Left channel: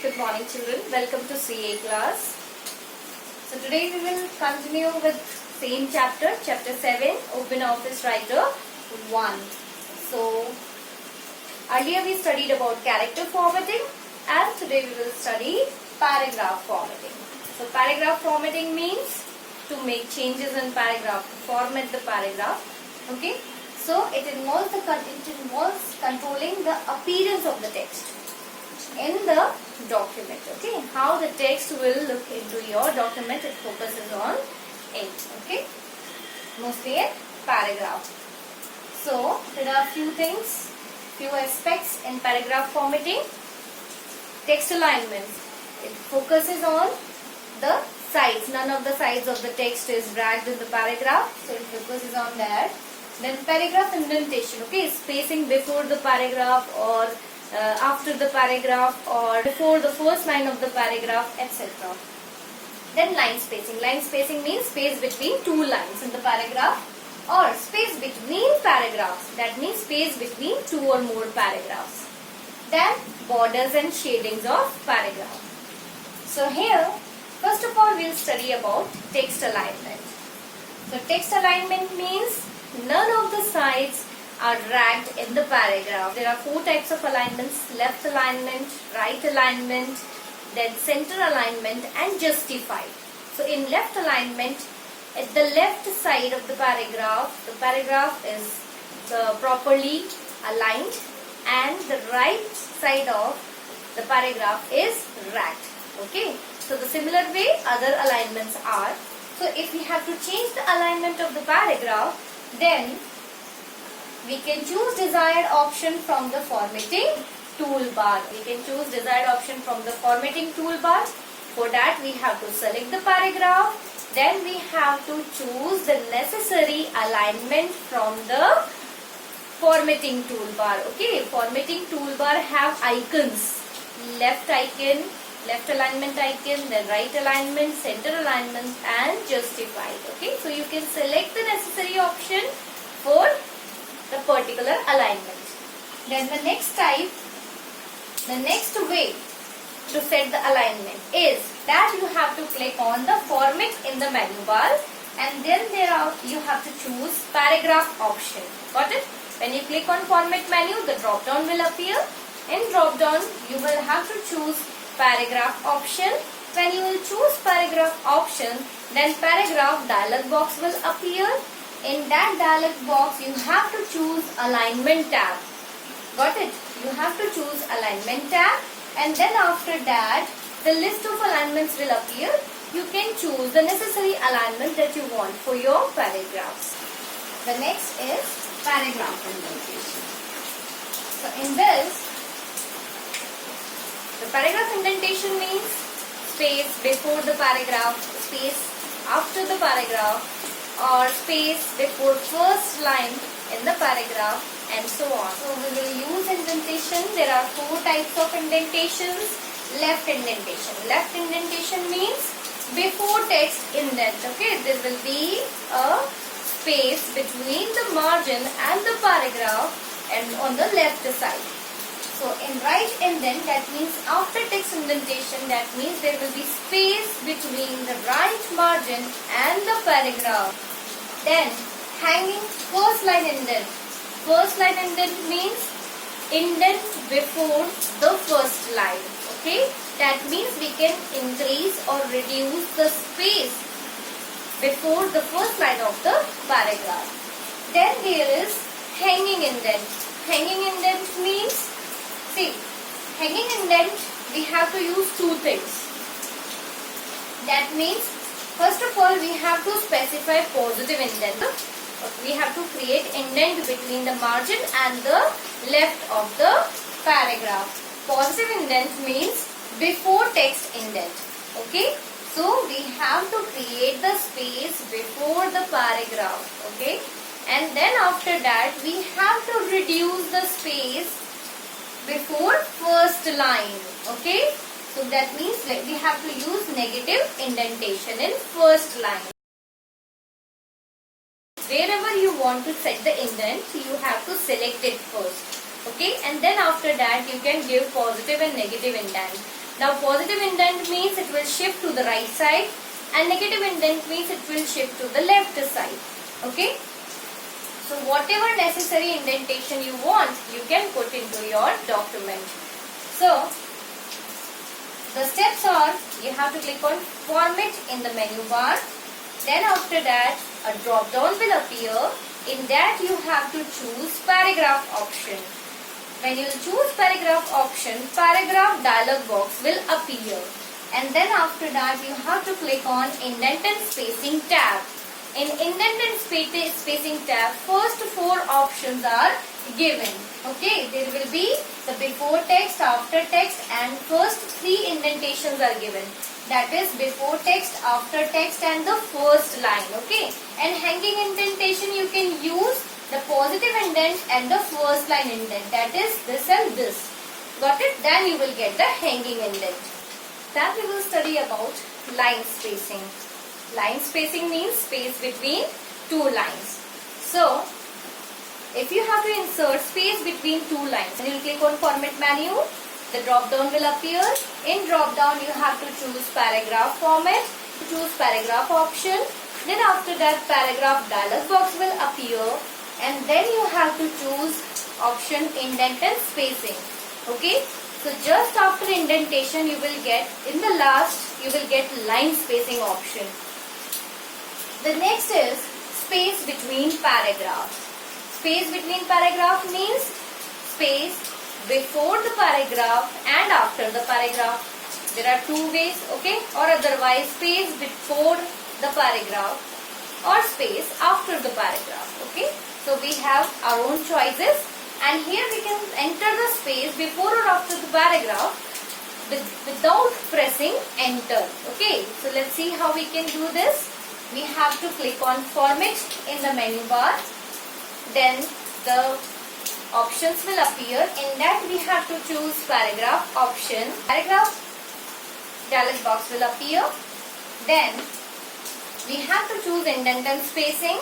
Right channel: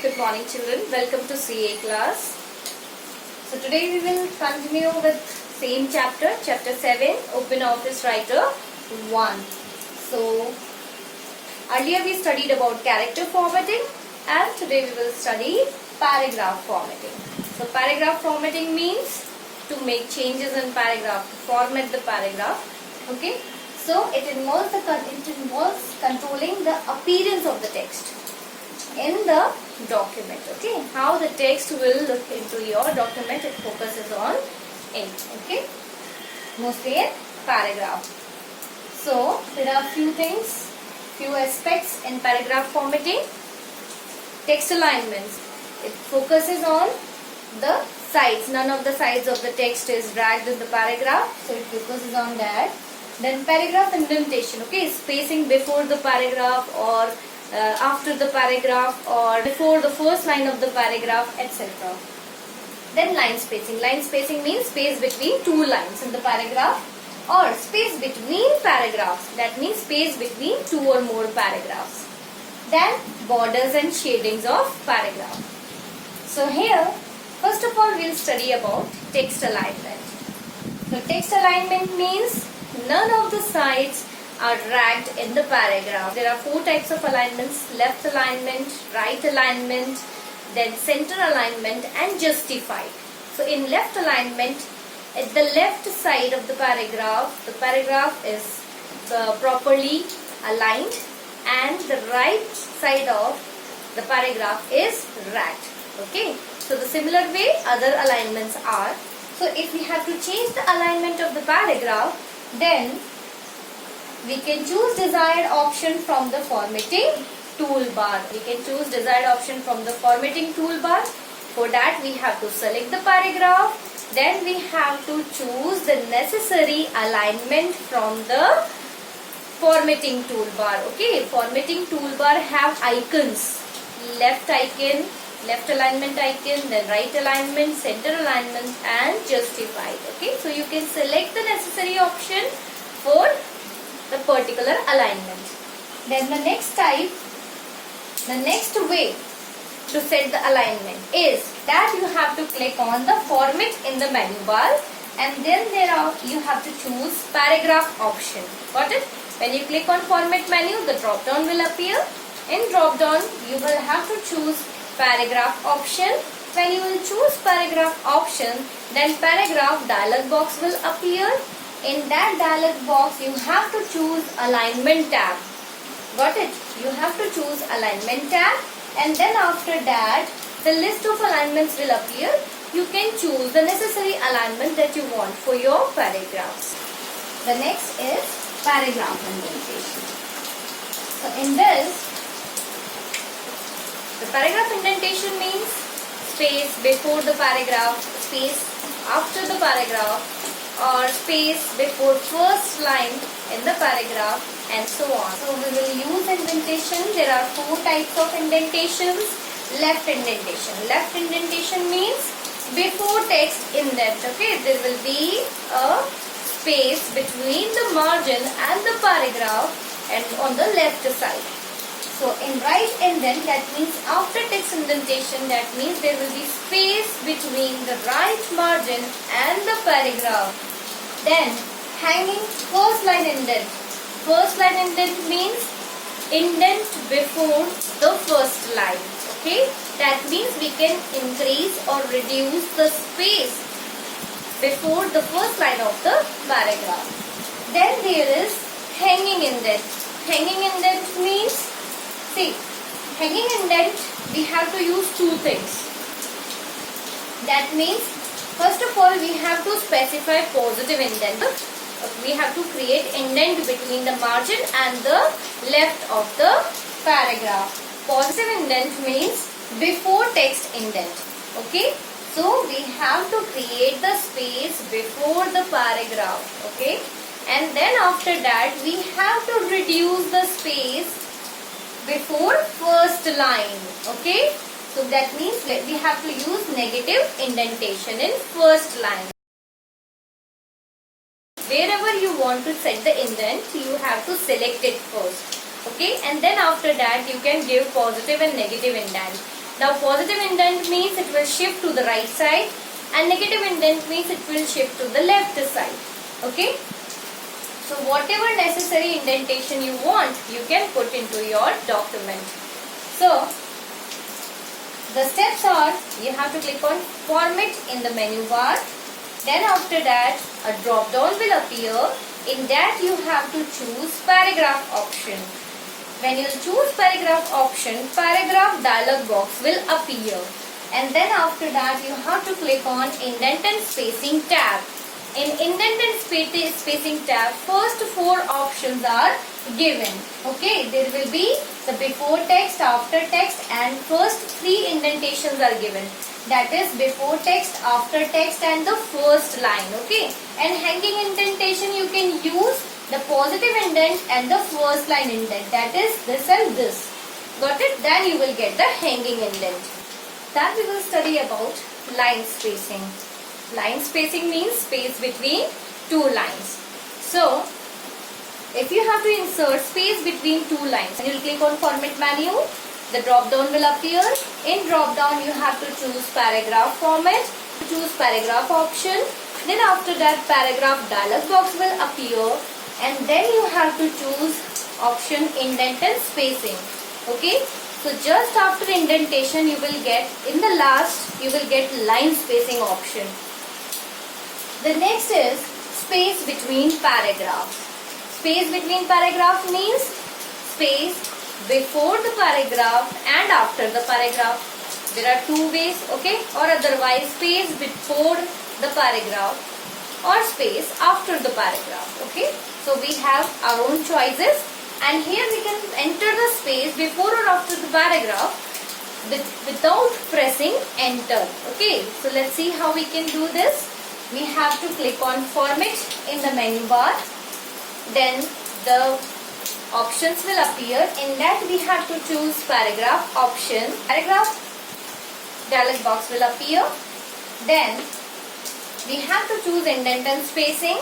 Good morning children, welcome to CA class. So today we will continue with same chapter 7, Open Office Writer 1. So earlier we studied about character formatting and today we will study paragraph formatting. So paragraph formatting means to make changes in paragraph, to format the paragraph. Okay. So it involves controlling the appearance of the text in the document. Okay, how the text will look into your document, it focuses on it. Okay, mostly in paragraph. So there are few aspects in paragraph formatting. Text alignments, it focuses on the sides. None of the sides of the text is dragged in the paragraph, so it focuses on that. Then paragraph indentation, okay, spacing before the paragraph or after the paragraph or before the first line of the paragraph, etc. Then line spacing. Line spacing means space between two lines in the paragraph or space between paragraphs. That means space between two or more paragraphs. Then borders and shadings of paragraph. So here, first of all, we'll study about text alignment. So text alignment means none of the sides are dragged in the paragraph. There are 4 types of alignments: left alignment, right alignment, then center alignment and justified. So in left alignment, at the left side of the paragraph is properly aligned and the right side of the paragraph is dragged. Okay. So the similar way other alignments are. So if we have to change the alignment of the paragraph, then we can choose desired option from the formatting toolbar. We can choose desired option from the formatting toolbar. For that we have to select the paragraph. Then we have to choose the necessary alignment from the formatting toolbar. Okay, formatting toolbar have icons. Left icon, left alignment icon, then right alignment, center alignment and justified. Okay, so you can select the necessary option for the particular alignment. Then the next way to set the alignment is that you have to click on the format in the menu bar and then you have to choose paragraph option. Got it? When you click on format menu, the drop down will appear. In drop down, you will have to choose paragraph option. When you will choose paragraph option, then paragraph dialog box will appear. In that dialog box, you have to choose alignment tab. Got it? You have to choose alignment tab and then after that, the list of alignments will appear. You can choose the necessary alignment that you want for your paragraphs. The next is paragraph indentation. So in this, the paragraph indentation means space before the paragraph, space after the paragraph, or space before first line in the paragraph and so on. So we will use indentation. There are 4 types of indentations. Left indentation. Left indentation means before text indent. Okay, there will be a space between the margin and the paragraph and on the left side. So in right indent, that means after text indentation, that means there will be space between the right margin and the paragraph. Then hanging first line indent. First line indent means indent before the first line. Okay, that means we can increase or reduce the space before the first line of the paragraph. Then there is hanging indent. Hanging indent means, see, hanging indent we have to use 2 things. That means first of all we have to specify positive indent. We have to create indent between the margin and the left of the paragraph. Positive indent means before text indent. Okay, so we have to create the space before the paragraph. Okay, and then after that we have to reduce the space before first line. Okay, so that means we have to use negative indentation in first line. Wherever you want to set the indent, you have to select it first. Okay, and then after that you can give positive and negative indent. Now positive indent means it will shift to the right side, and negative indent means it will shift to the left side. Okay. So whatever necessary indentation you want, you can put into your document. So the steps are, you have to click on Format in the menu bar. Then after that, a drop down will appear. In that you have to choose paragraph option. When you choose paragraph option, paragraph dialog box will appear. And then after that, you have to click on Indent and Spacing tab. In Indent and Spacing tab, first 4 options are given. Okay, there will be the before text, after text, and first 3 indentations are given. That is before text, after text, and the first line. Okay, and hanging indentation you can use the positive indent and the first line indent. That is this and this. Got it? Then you will get the hanging indent. Then we will study about line spacing. Line spacing means space between 2 lines. So, if you have to insert space between 2 lines, you will click on Format menu. The drop down will appear. In drop down, you have to choose paragraph format. Choose paragraph option. Then after that, paragraph dialog box will appear. And then you have to choose option Indent and Spacing. Okay. So just after indentation, you will get, in the last, you will get line spacing option. The next is space between paragraphs. Space between paragraph means space before the paragraph and after the paragraph. There are 2 ways, okay? Or otherwise space before the paragraph or space after the paragraph, okay? So we have our own choices, and here we can enter the space before or after the paragraph without pressing enter, okay? So let's see how we can do this. We have to click on Format in the menu bar. Then the options will appear. In that we have to choose paragraph option. Paragraph dialog box will appear. Then we have to choose indent and spacing.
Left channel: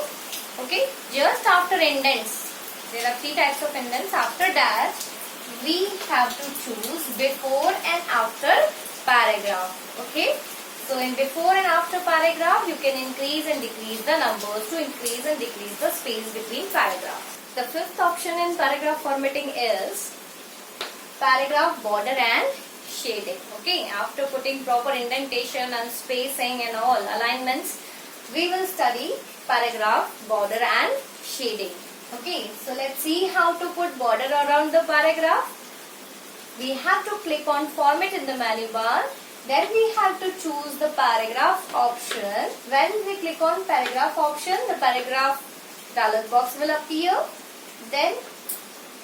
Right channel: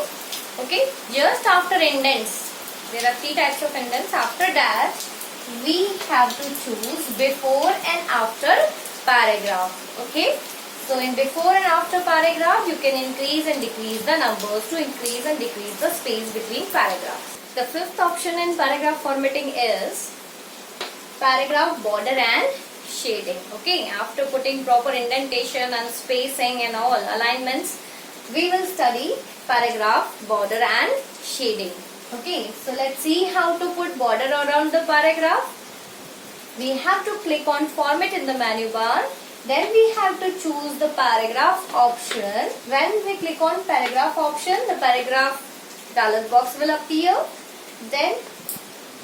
Okay, just after indents, there are 3 types of indents. After that, we have to choose before and after paragraph. Okay. So in before and after paragraph, you can increase and decrease the numbers to increase and decrease the space between paragraphs. The 5th option in paragraph formatting is paragraph border and shading. Okay, after putting proper indentation and spacing and all alignments, we will study paragraph border and shading. Okay, so let's see how to put border around the paragraph. We have to click on Format in the menu bar. Then we have to choose the paragraph option. When we click on paragraph option, the paragraph dialog box will appear. Then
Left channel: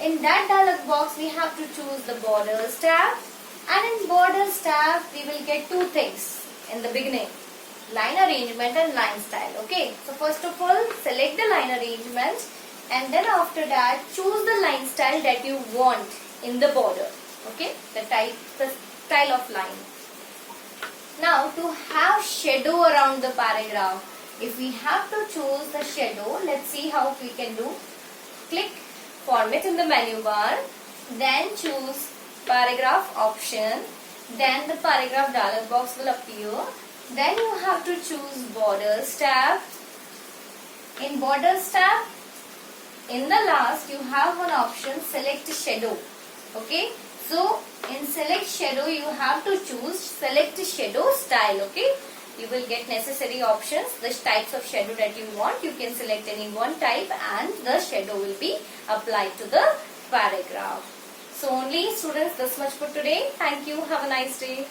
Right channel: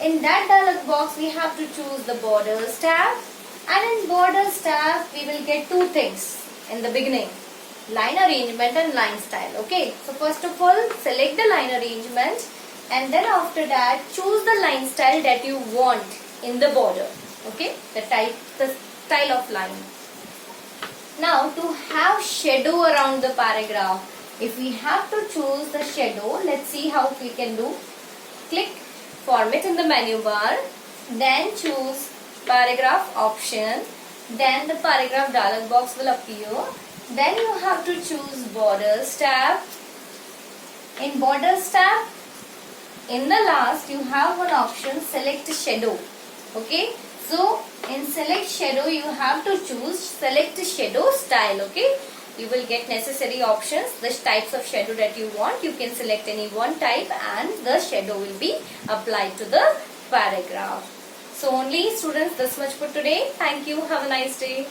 in that dialog box, we have to choose the borders tab. And in borders tab, we will get 2 things in the beginning. Line arrangement and line style. Okay. So first of all, select the line arrangement. And then after that, choose the line style that you want in the border. Okay. The style of line. Now, to have shadow around the paragraph, if we have to choose the shadow, let's see how we can do. Click Format in the menu bar, then choose paragraph option, then the paragraph dialog box will appear. Then you have to choose Borders tab. In Borders tab, in the last you have one option, Select Shadow. Okay. So, in Select Shadow, you have to choose Select Shadow Style, okay? You will get necessary options, the types of shadow that you want. You can select any one type and the shadow will be applied to the paragraph. So, only students, this much for today. Thank you. Have a nice day.